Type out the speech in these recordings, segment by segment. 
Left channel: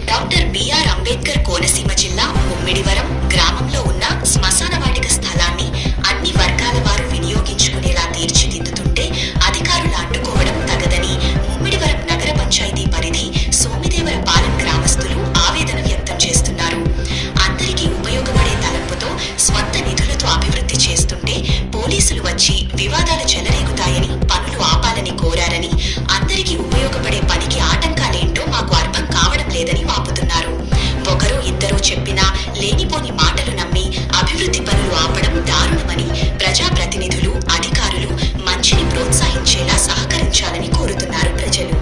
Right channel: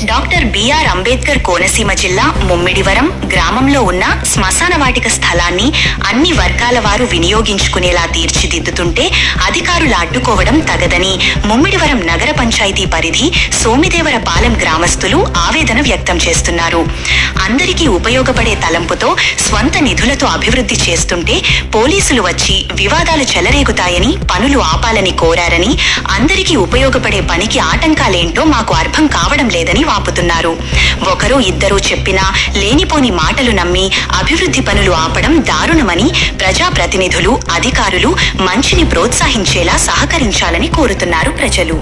Doctor BR Ambedkar Konaseema జిల్లా ముమ్మిడివరం గ్రామంలో ఉన్న శ్మశాన వాటిక స్థలాన్ని అన్ని వర్గాల వారు వినియోగించుకునేలా తీర్చిదిద్దుతుంటే అధికారులు అడ్డుకోవడం తగదని ముమ్మిడివరం పంచాయతీ పరిధి సోమిదేవర పాలెం గ్రామస్తులు ఆవేదన వ్యక్తం చేస్తున్నారు. అందరికీ ఉపయోగపడే తలంపుతో స్వంత నిధులతో అభివృద్ధి చేస్తుంటే పోలీసులు వచ్చి వివాదాలు చెలరేగుతాయని పనులు ఆపాలని కోరారని అందరికీ ఉపయోగపడే పనికి ఆటంకాలేంటో మాకు అర్థం కావడం లేదని వాపుతున్నారు. ఒకరు ఇద్దరు చెప్పినా లేనిపోని మాటలు నమ్మి అభివృద్ధి పనులు ఆపడం దారుణమని ప్రజాప్రతినిధులు అధికారులు మంచిని ప్రోత్సహించేలా సహకరించాలని కోరుతున్నారు ప్రజలు.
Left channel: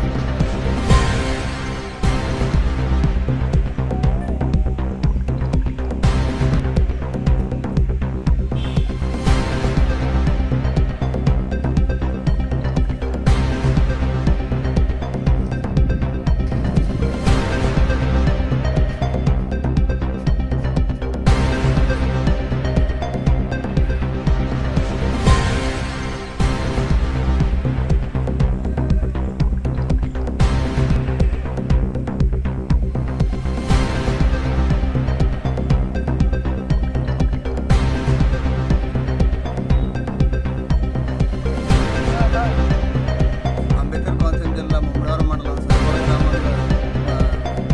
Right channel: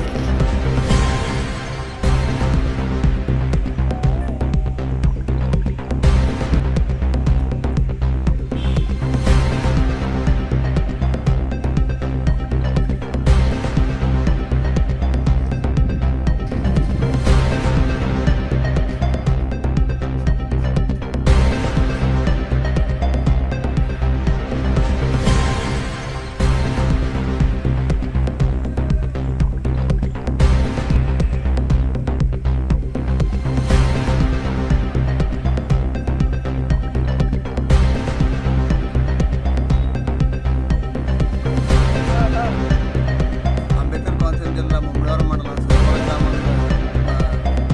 గ్రామంలో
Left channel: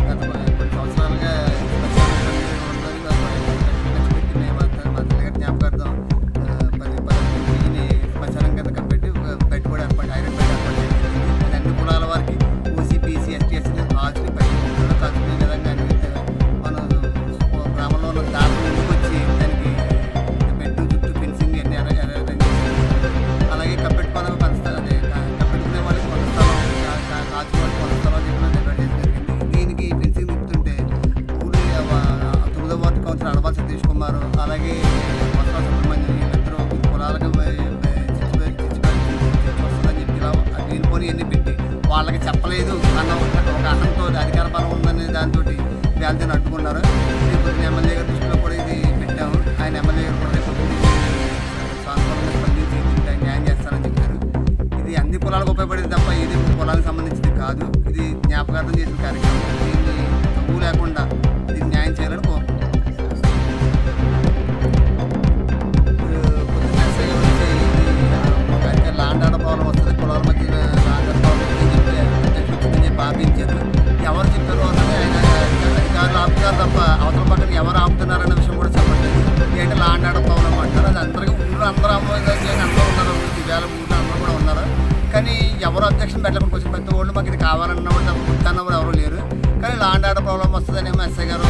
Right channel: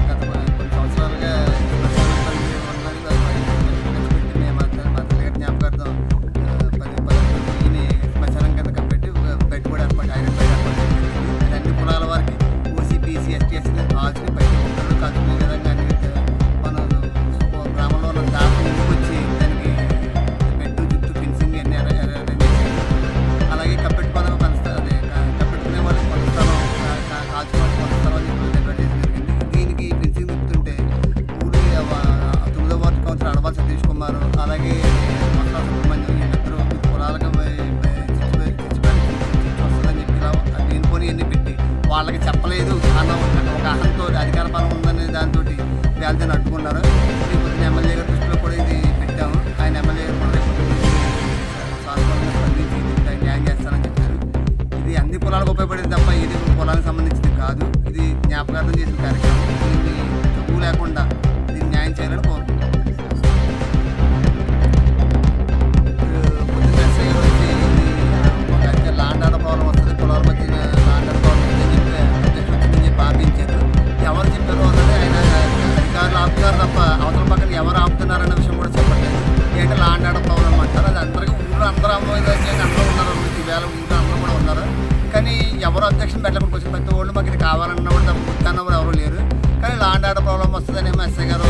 గత కొన్ని సంవత్సరాలుగా ఈ శ్మశాన పని ఉందని మాకు ఐదు లక్షలు ఖర్చు పెట్టి మేము మా తల్లిగారి జ్ఞాపకార్థం అని చెప్పి డివైడ్ చేసి జరిగింది దీనికి ఫెన్సింగ్ తిప్పుతుంటే ఊరి తొమ్మిదో వార్డు కౌన్సిలర్ అడవాల్ సతీష్ కుమార్ అలాగే మొత్తం సుబ్రహ్మణ్యం వీళ్ళిద్దరూ ఇది కులాలకు చిచ్చుబడి చిచ్చు వస్తుందని చెప్పి ఇలా లేనిపోని అన్ని పెట్టి వాళ్ళకి చెప్పలేదు అన్న ఒక అహంతో అధికార బలం ఉందనే దాంతో వ్యాధిని అడ్డుకున్నారు. రేపు పొద్దున ఎమ్మెల్యే ఇది ఉపయోగపడింది కులాలకు తప్ప ఇది కులాలకు సంబంధించింది కాదు. ఇది జ్ఞాపకార్థం చేసిన కార్యక్రమం. దీన్ని తగ్గు లేకుండా దీన్ని న్యాయం చేయాలని కోరుకుంటున్నాం. పొద్దున్న ఎస్ఐ గారు వచ్చి ఇది ఆ, మాకు అయితే లాండ్ ఆర్డర్ ప్రాబ్లం వస్తుంది కులాల మధ్య లాండ్ ఆర్డర్ ప్రాబ్లం వస్తుందని చెప్పి అధ్యక్షుడు వచ్చిందని చెప్పి ఆపించారు. ఎవరు చెప్పారు అన్నది ఆయన అధికారులు ఆపుతారు తప్ప అవతల పక్కన ఎవరు ఆపుతున్నారన్న విషయం కూడా చెప్పట్లేదు. ఏంటంటే లాండ్ ఆర్డర్ ప్రాబ్లం అంటారు? అది అందరికీ ఊళ్ళో అందరూ అమ్మేదాన్ని అందరూ ఉన్నారు. ఈవేళ ఊళ్ళో ఎవరు అధ్యక్షులు పెట్టకుండా వచ్చిన ప్రతి వాళ్ళు మాకు ఇది కావాలన్న కూడా తప్ప గుర్తన్నవారు ఎవరు లేరు. కానీ లాండ్ ఆర్డర్ ప్రాబ్లం వస్తుందని ఎస్ఐ గారు